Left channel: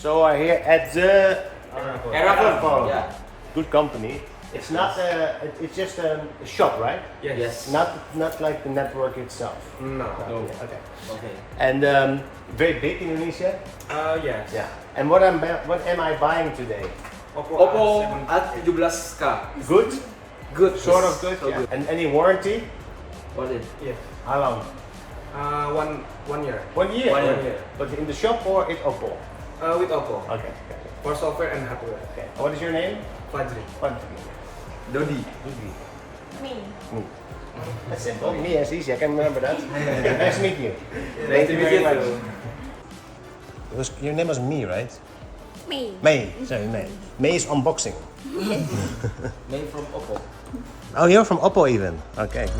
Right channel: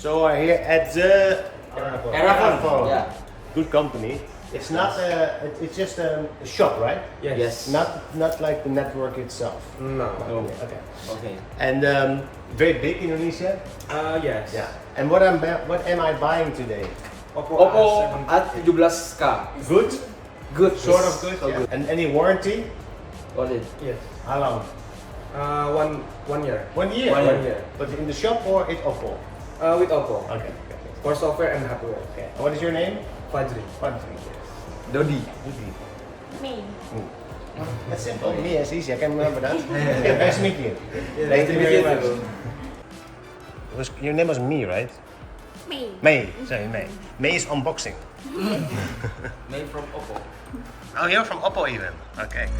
So we're here at the Eragon. Yeah. good company. It's not it's just a shop, right? Yes. Not like the network itself. No. Okay. Okay. And very big Indonesia. Yes. Yeah. And what am I buying today? Oppo A7. A17K. Good. Good. Sort of good. So Yeah. good. And any warranty? What is? Yes. How long? One year. 1 year. 1 year. But in the shop or it's Oppo? With Oppo. Okay. For software and hardware. Okay. What is your name? Fajri. Dodi. Me. That's simple. Me, that's easy. I can remember that. Nice to meet you. Nice to meet you very too. much. Your name was Me, right? Me. May. Sorry, May. May is unboxing. Name from Oppo. Oh, you're from Oppo even. Okay.